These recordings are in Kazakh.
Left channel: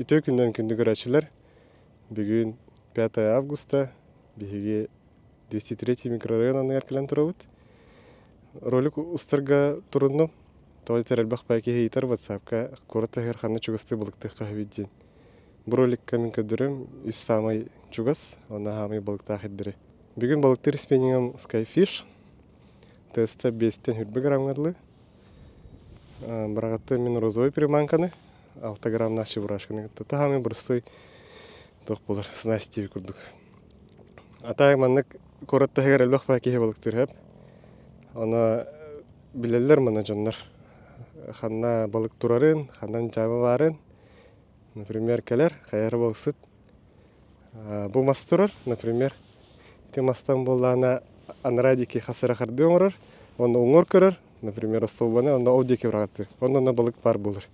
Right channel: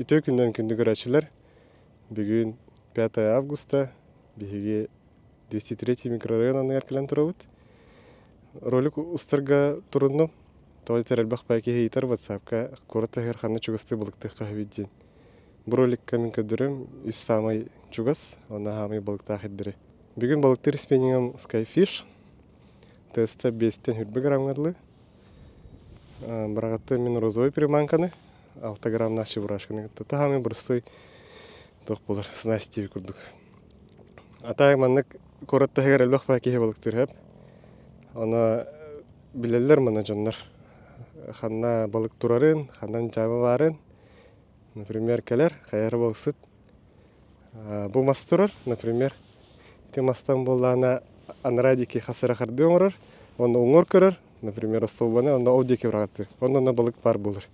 Ütö günden күндү көрәчеләр. Бүгүн 5 августа биһиги 203 микрорайонунан эркелен турабыт. Ролик устарга турунну. Той терелбах байки хейтер WhatsApp-ка коротта херханны чугасты булыктык кахвиддин. Бу роликка мен көдөрөм үс самай чугас, аны хамай булыктак эддире. Бүгүн булыктыр спенингем Skyfish. Теста 5 хүрбеграмгадлы. Брагатты мен розовый приманканы 6 грамм наши бурашканы. Тахами бурсой тох булар снасти курдук. Атай маннык коротта херелбах байки булыктыр хеп. Аны билелер мана жаннар. Ханна балык турарын, ханнан жабы барын. Например, келер, хайыр болсыт. Бу мас турар, например, ити мастан боллана анрадики хасыра харды оңырар, оны оңыр көрөр, например, остолбаны, оны аудики врагаты, оны балык бар болыр.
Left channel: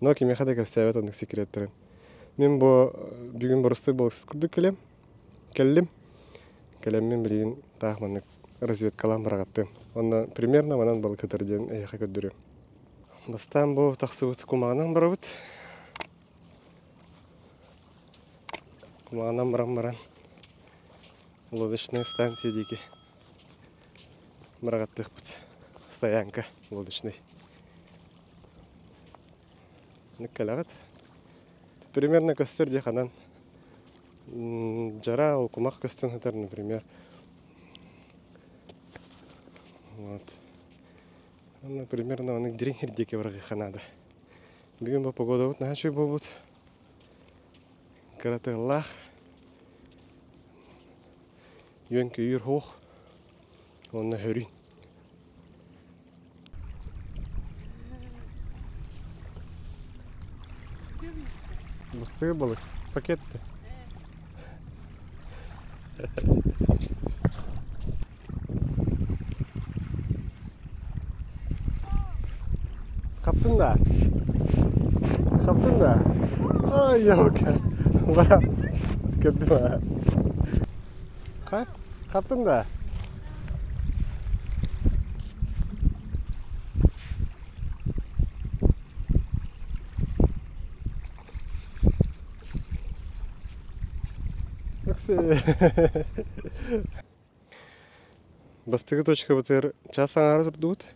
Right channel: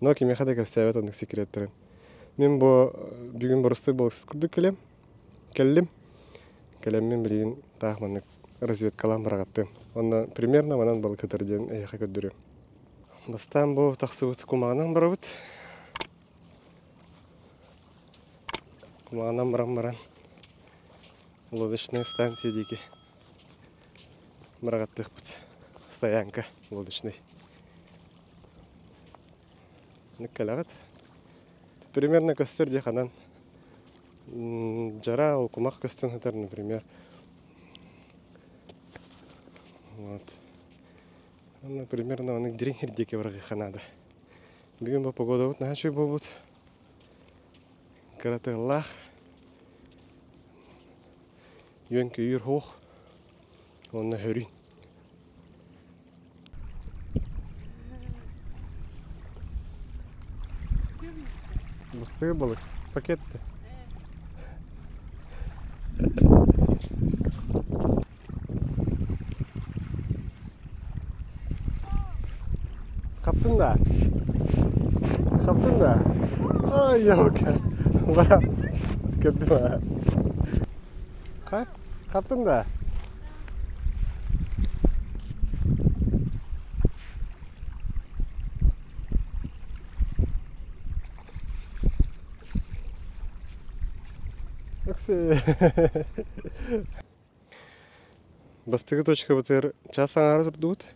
Но кеме хада кәпсәбет ондық секреттерін. Мен бүгін бұрысты балықсыз күрдік келдім мен білген тағманның разведкалан врагаты. Оны примерно манан балык өтірден әйеқа көддірем. Бастан бұл тақсыбыт кумағынан барабыт. Кумағынан баран лодочная станция дейкі. Врагаттық бұт. Стоянка лодочный. Нүккәләғыт. Примерно көстер дейханан. Жара ол кумақ көстен хытар, например. Вот. Примерно он дирин хирдеке врагы ханада. Бүгін бұл погода бұт, нахашой бұл бұт. Караты лах. Йөнкі үйір хоқ. Онына хөрін. Бұрстығы балык. Пакетті. Kaptın da. Ay yok. Bana gördün mü? Kaptın da. Бастығы точка бұтыр час аңары тұрдуыт.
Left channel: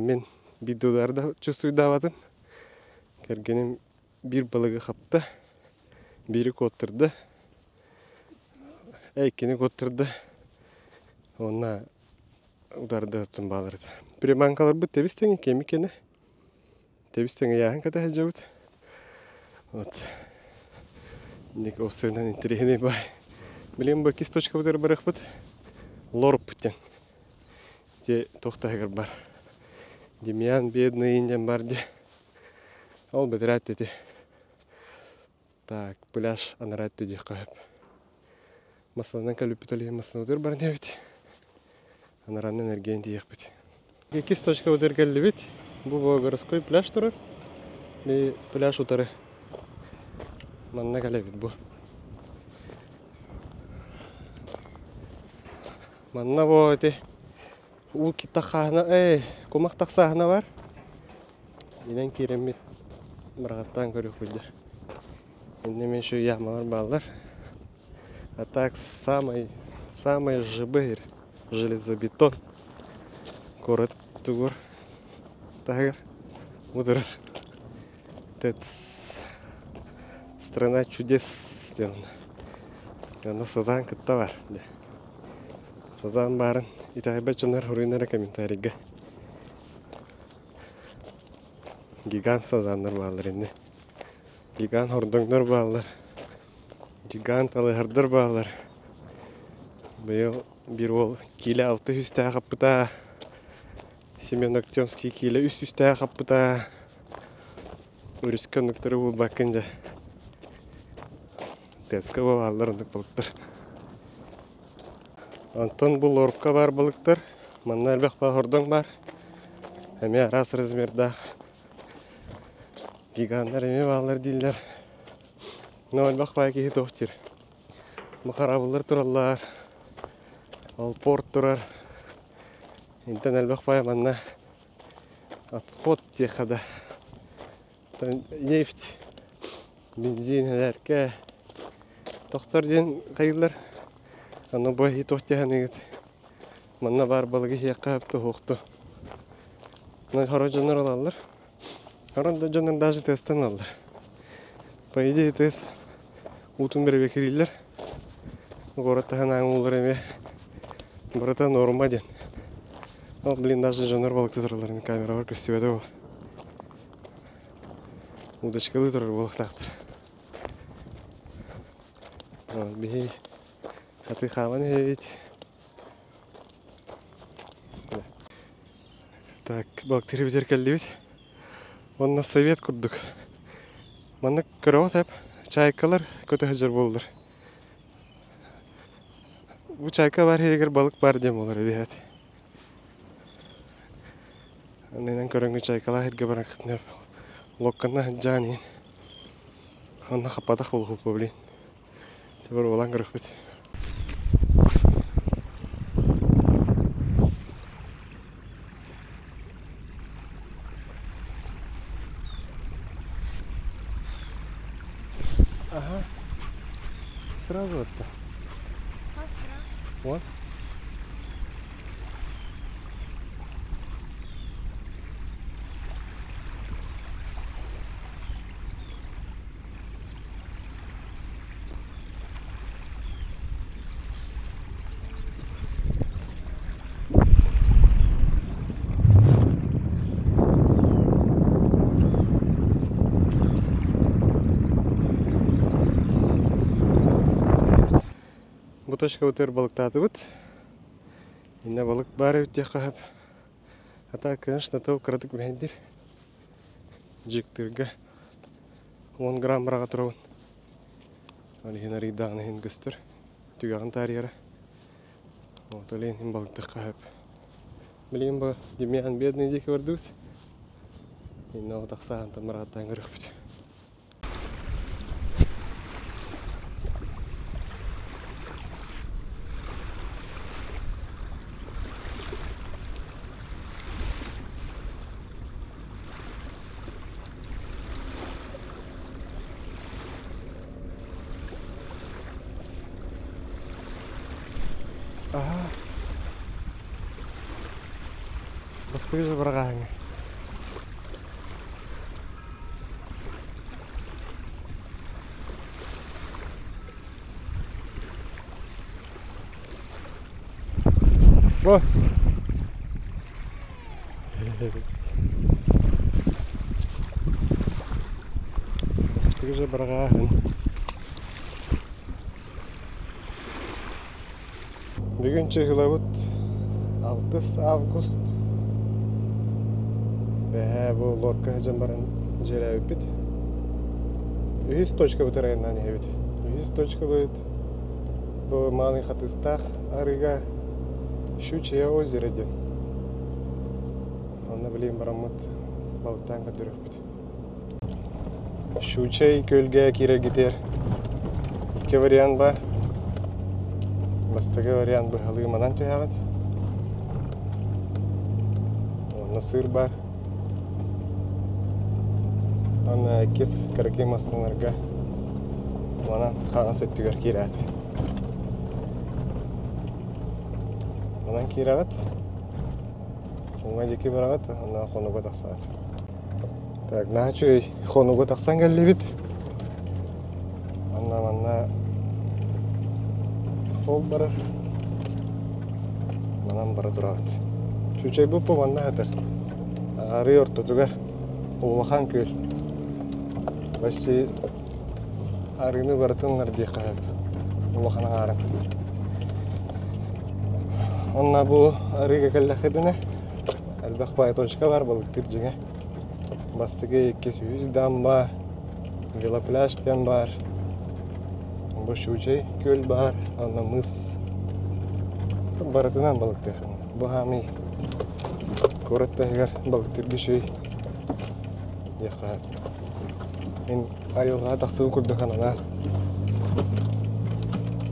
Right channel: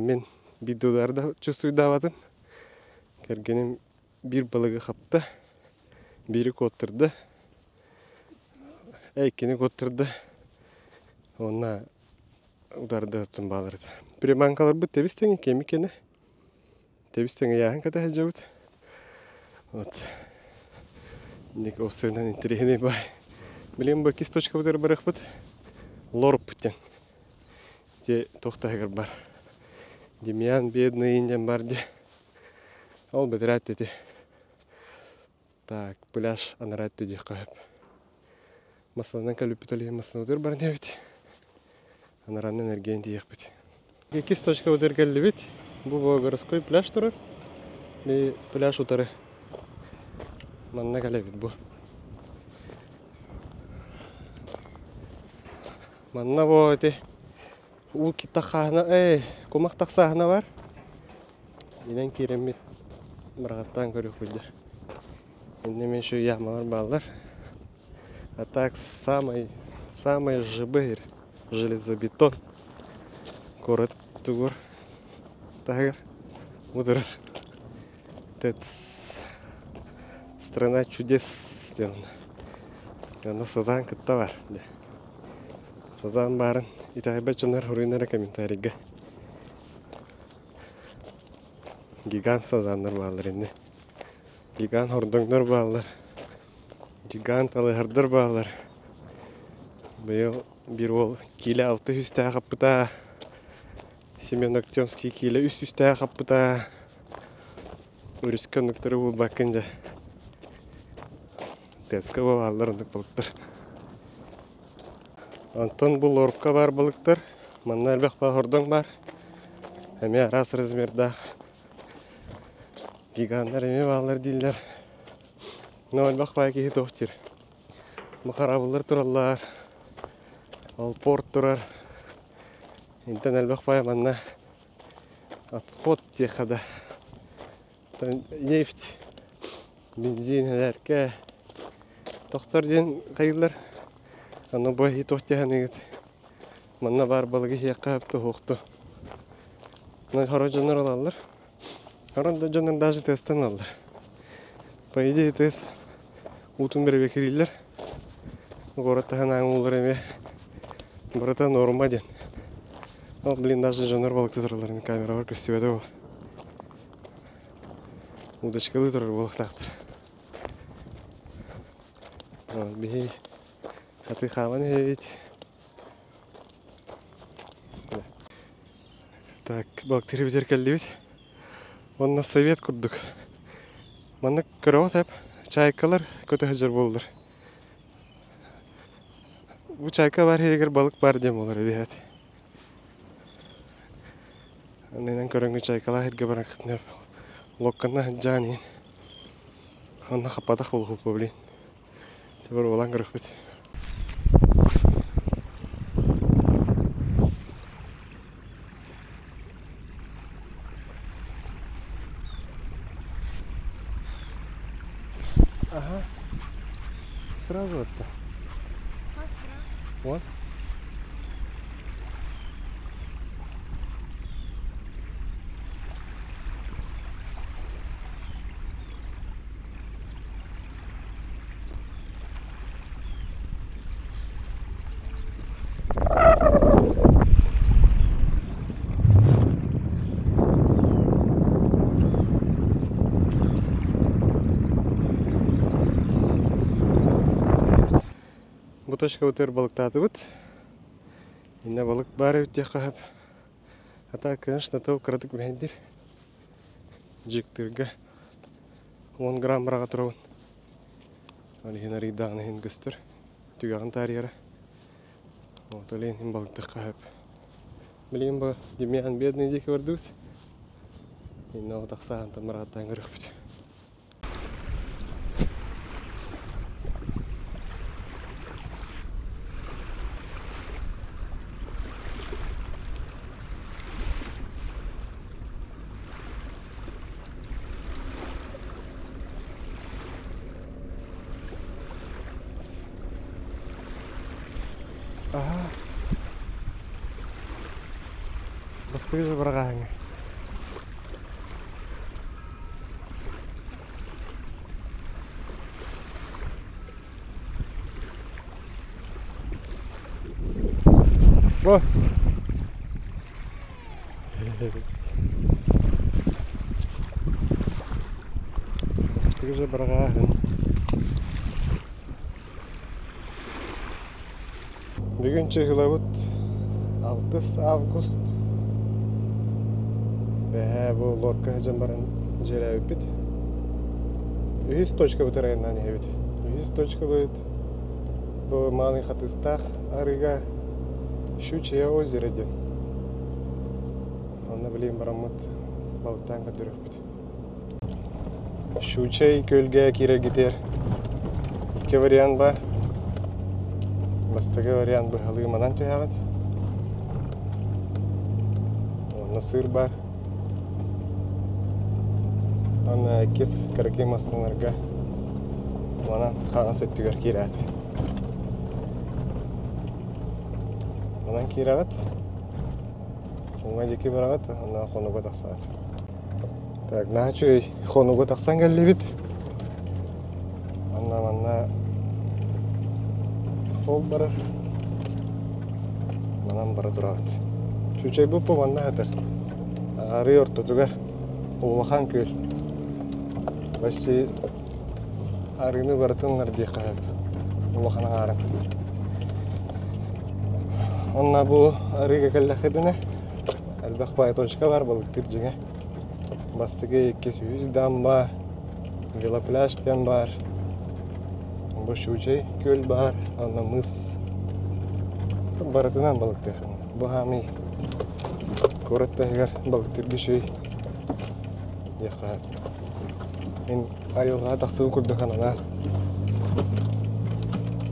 Мен видеоларда чувствуйдаватым. Кергенім бір балығы қапты. Бірі көттірді. Әйкені көттірді. Онына ударды өттім балырды. Приманкалар бұт тебістеңі кемікені. Тебістеңі яғын кәді әжеуіт. Вот. Ник осыгынан интерегіне бай. Білем бұл кисточка бұтыр барық бұт. Лорып бұттен. Де тоқтағыр бар. Демьян бедный индиан бар де. Ол бітірәт деде. Так, пляж анарат деде қойып. Масылынан кәліп бүтілі масылын өтір бар не бет. Анаранның энергиян дейік бет. Кисточка бұтыр кәлі бет. Бұл городской пляж тұрыр. И пляж ұтары. Манна кәлі бет бұл. Манна бұл өте. Ул китахана, комақ тақсағына бар. Енен керемет мұрағаттан көрік білді. Енді мен шо ямалар балдар. А так самый жыбыр железобетон. Город тугур. Тагыр. Удырыр. Тец. Страна чудес. Ана сазан кітта бар. Сазан барын. Итайбет жанар хуринара комментарийга. Гигант сазандар балар инде. Гигант хордоңдар балар. Гигант алыхардар балар. Быйыл бир ол киле 600 қаппыта. Семен Актемский киле 300 қаппыта. Өріскөндіктері бұл бақынжа. Тескі балар ондық балықтар. Антон бұл орыпқа бар балықтар. Манна әлбәқ ба хордоң бар. Әме арас размердақ. Гигандар әме балар дейлер. Но әлбәқ ба әкеге тоқтир. Мұқарабылар тұралар. Ал порт тұрар. Интен әлбәқ ба манна атқот текада. Нефть, бензин, әрке. Тоқтар ден қайылар. Аны бой тоқтяған егет. Манна бар балығы хияққа апты хоқты. Хоро жонар алалар. Хоронда жонар даже тесттен алалар. По идее тест утын беребе кирилер. Городтахан аңылар еме. Барата норма ден. Ал блин даже жонар балықты тұраларын камера бар көстебеді ол. Удочкалы тұрар балықтақтыр. Бей хаты хаван хевит. Так, балықтары бітер кәлді бет. Онна совет күрдік. Манны көрі өтіп, чайкалар көті хыжыр болдыр. Бұл чайка бар егер балық бар дем олар бейет. Аннайнан көріңгі чайкалар херге баран қытынып. Локканна хыджанин. Онна қападақ бол құпы білейін. Тебір олан көрік бет. Ага. Сразу это. Как сразу? Вот. Буточка өтер балықтаты бұд. Инна балық бары өтте қағып. Ата, конечно, тау қыратық мәйдер. Жектірге 10 грамм бұраға тұрауын. Олеген аридағын ең көстір. Түгағын тарияра. Олеген балықты қағып. Білген бұл демиян бедный декі барды бұд. Инна отақсаған тамырағаттан көрік бұд. Ага. Басты же бұрағаңы. О! Басты же бұрағаңы. Бүгін чығылауыт 6 август. Бәе бұл лорка жан баран жері өппет. 100 точка бұтыр айынан ебет. 100 точка бұд. Бұл малын қатыстақ арыға Щучье озеро ден. Оны білейін барамыт балықтан қатыр өппет. Щучье көлге кері кетер. 2 вариант бар. Бастығы вариант бұғалығы манан түйағыд. Оны сыр бар. Оны әкес кәрекей масынларға манан қаған сөттігер кейрәді. Манан кейрәғыд. Оңға деке барағыд, оны қонуға тақсағыд. Так, наға чөй қонуға тақсан кәлі бет. Манна сол барар. Манан бара тұрағыд. Шучай бұппы манна әтір. Ары орты түгер. Оғылақан көл. Бәші арыны барытыңлар дей қағып. Оғылақана арын. Онна бұл арыға кәлләқедіне. Әлбәқ бай точка бар балықтыр жеңе. Бастығы 200 дам бар. Велопляж дем бар. Бұл Щучье көл бар, ана мыс. Барытынан балықты еқін. Бұл хами көрітті егер балықтыр бешей еқі. Мен айылға тақсығы күрді қанана.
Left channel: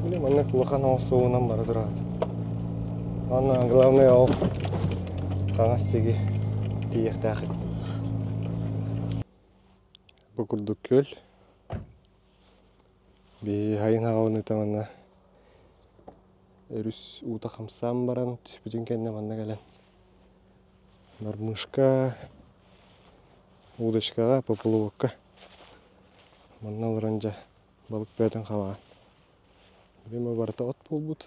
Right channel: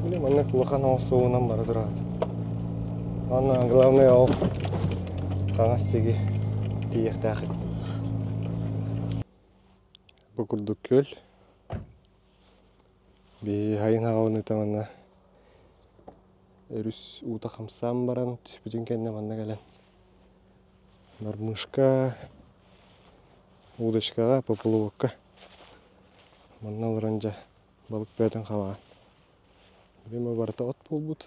Білем, ана құлақан ауысуынан бары тұрады. Ана главный ау қаңас теге дейекті ақыт. Bu kurduk göl. Bir hayın havunu tamamına. Örüs uta kamsam baran tüspütün kendine manna gelen. Narmышка, удочкаға, поплавокка. Манна лоранжа balık бәтін қабаған. Бема барта от болбут.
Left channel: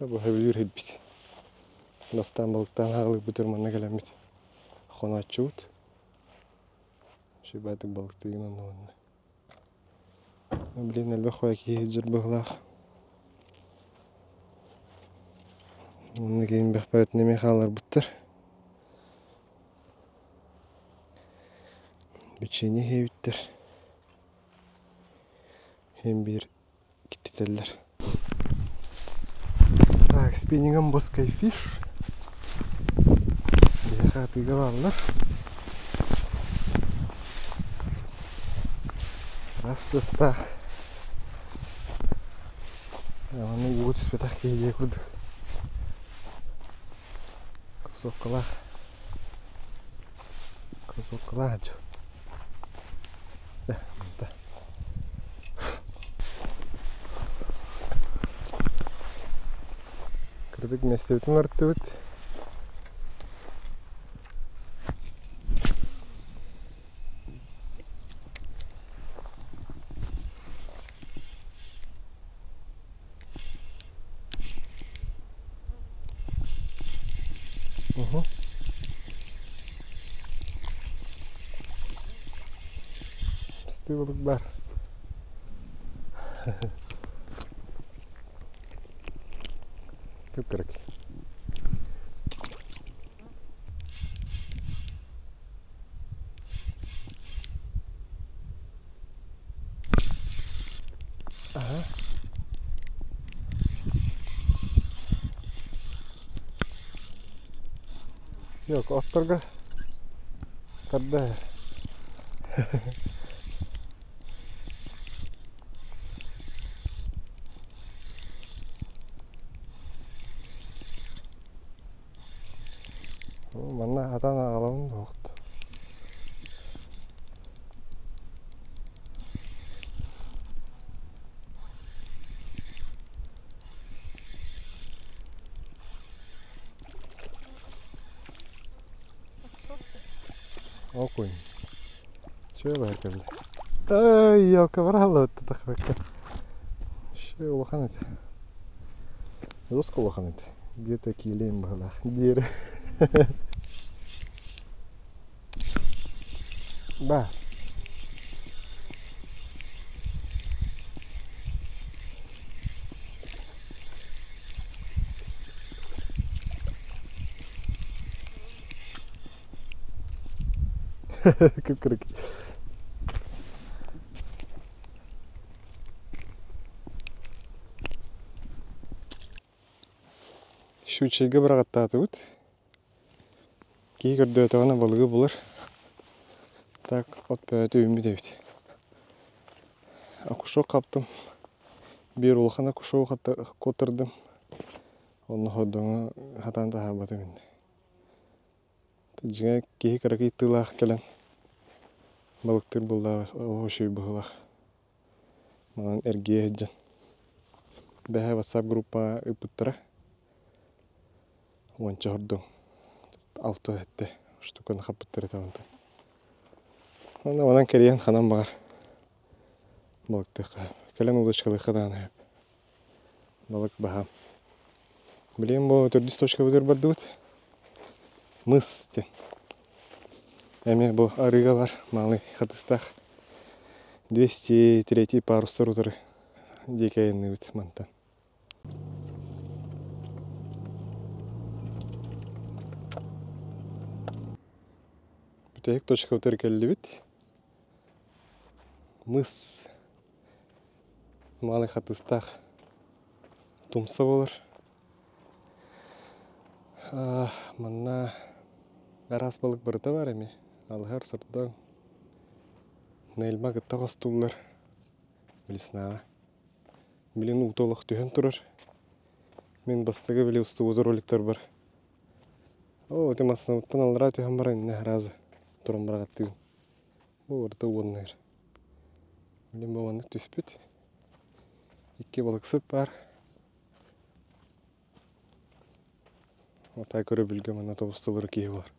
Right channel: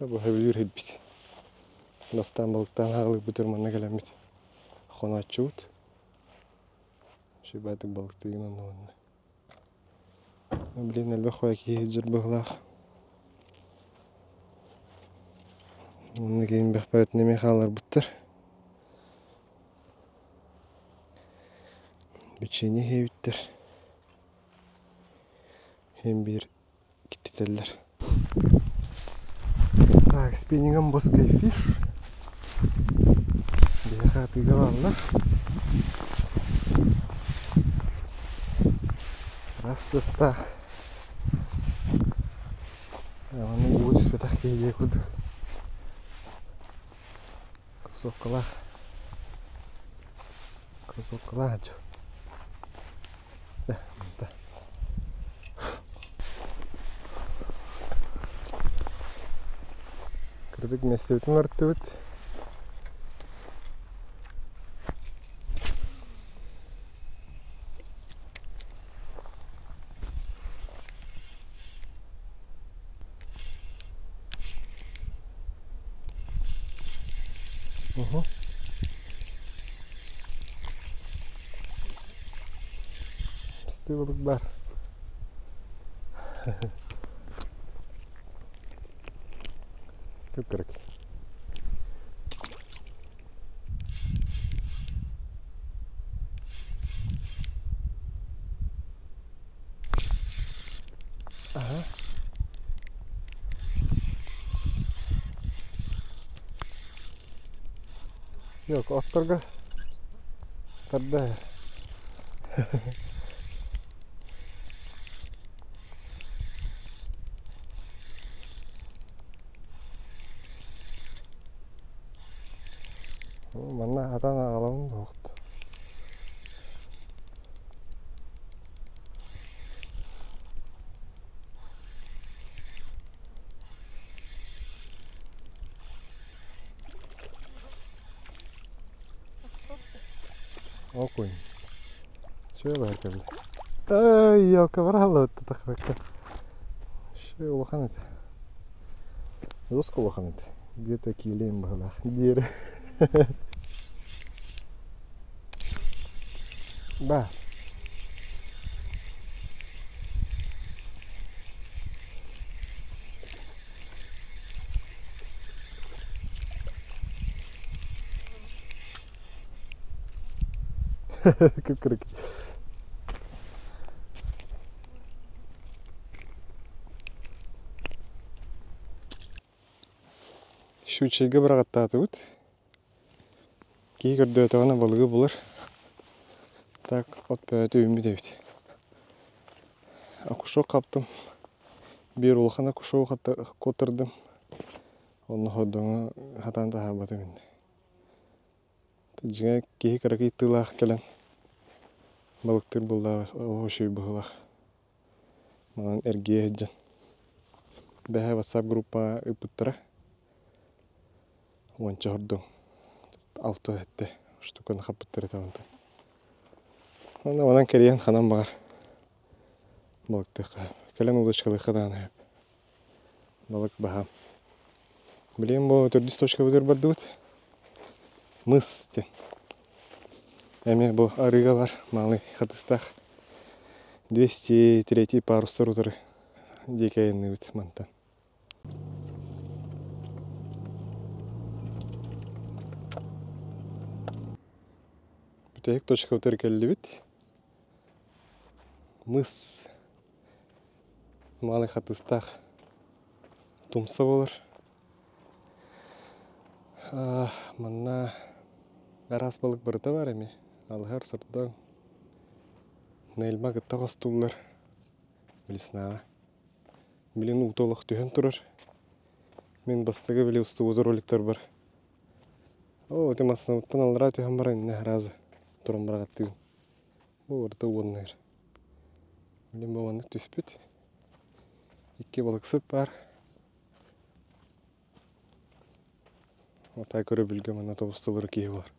Табы хәбілер хәббит. Настан балықтан ағылық бұтыр манна кәлем бит. Хона чуут. Шибатык балықты егін онны. Блин, әлбә қоя кейі жыр бұғылақ. Оны кейін бәқ бәт неме қалар бұттыр. Bütçeni hevittir. Hem bir gittiteller. Так, спиннингом боской фиш. Бияха атыгаваллар. Растастах. Оның уғыт үспетақ кейге күрдік. Кусоққылақ. Кусоққылақ жо. Да. Кырдык месебитин артыбыт. Balık var. Kıpkırık. Aha. Yok, otlarga kadar. Манна атан агалауын оқты. Окунь. Чего баркабы? Ай, яка баралы өтті тақпаққа. Ше улахан еті. Досқа улахан еті. Где-то кейлейм бағалақ. Дері. Ба. Kıpkırık. Şu çeyge bırakıttı atıbıt. Кей көрді өтіғана балығы болыр. Так, от бәйті өйімі дейбіт. Акушо қаптым. Бір ұлықана акушо қотырдым. Оны қодуңа қатанды хабаты менде. Жыңа кей қарақи тылақ келен. Балықтыр бұлда ұлғышой бұғылақ. Маған әргея жан. Бәхі WhatsApp группа үпіттіра. Онча хордың. Алты әтті. Штуканы қапыттыры табынды. Онан кәрейен қанан бағар. Балықты қап. Кәлен удочкалы қадан әп. Балык бағам. Білем бұл түрдіс точка бұдыр барды бұд. Мыс тен. Әме бұл арыға бар. Малый қатыстақ. 203 парустар ұтыры. Декайынны бұд мантан. Бүтәйік точка ұтыр кәлі біт. Мыс. Малый қатыстақ. Тумса болыр. Манна әрас балык бұрыта бар әме. Алғар сұртың. Нәйлма күтті қостулар. Білісінаға. Білін ұтолық түйен тұрыр. Мен бастығы білі ұсты ұзыр роликтер бар. О, ты массамыттан алыра түйен бара инне разы. Туран барағаттығын. Бұл орта уоннайыр. Білем бауанық түспет. Икке балықсыт бар. Отай көрі білген мана тобыстылыр кейі бар.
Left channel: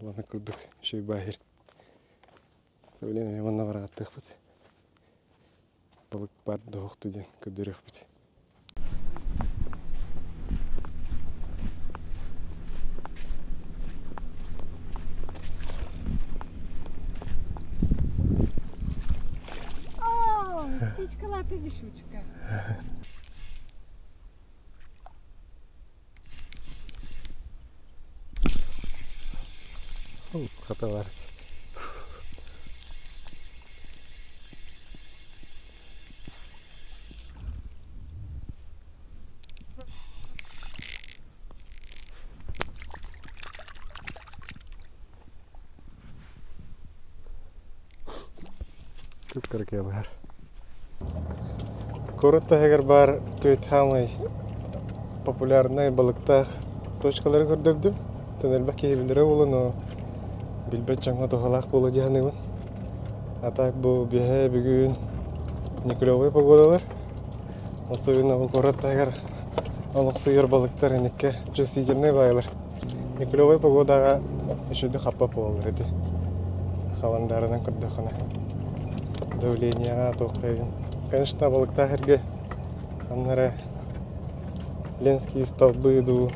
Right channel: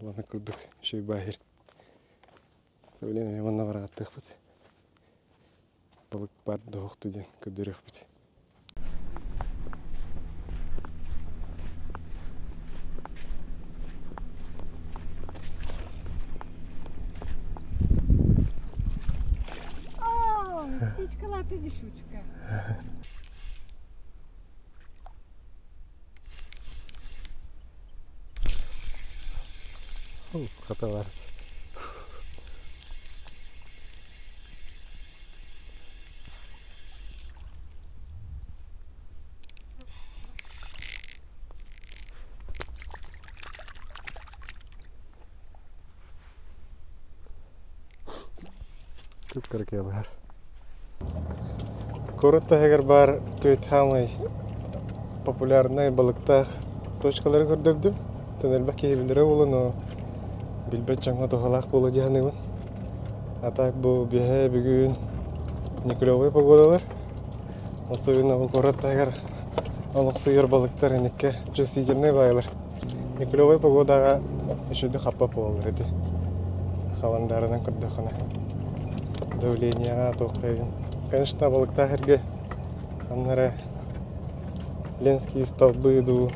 Баны күрдік шөй байыр. Білем мен мана барағаттық бұд. Балык бар доғық түден көдірек бұд. Птичка ти зішучка. Хата бар. Көп кереке бар. Коротта егер бар төйт хамай популярный балыктах точкалары көрдөбдүм. Төнелбек кейбилдері болу, но билбет жаңа тоғалақ болу дияныгын. Атак бұл бейе бүгін никлевый погодалар. Особенно бұл коротта егер олық сүйер балыктар енекке жүз сигерне байлар. Никлевый погодаға үшіді қаппап болыр еді. Халандарынан күрдіқына. Давленияға тоққайын. Конечно, балыктар әрге қаннары Ленские столбы ду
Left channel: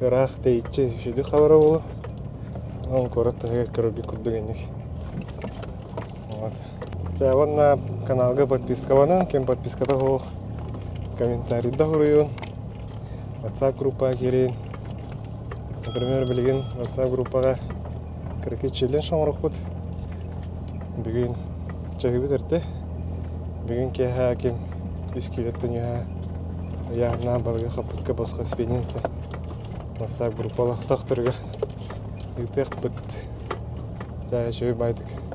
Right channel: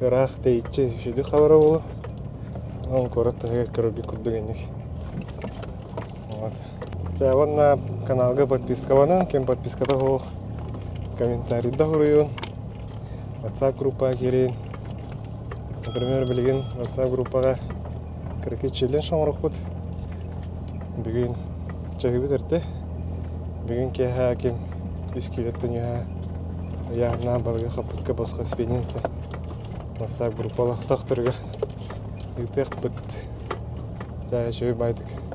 рах дейче үшіді қабара болу. Он коротта егер көрбі күрдігенік. Тяғын на каналға подписка банан, кем подписката хоқ. Комментарийда хұрыйын. WhatsApp группаға керейін. Например, білген WhatsApp группаға кірекет челен шоңырық бұд. Бүгін чағы бітірді. Бүгін кеға кем үз келеттін еға яғына балға қапытқа басқа спененті. WhatsApp группалақ тақтырға. Үйтек бұд. Жағы шөй байдық.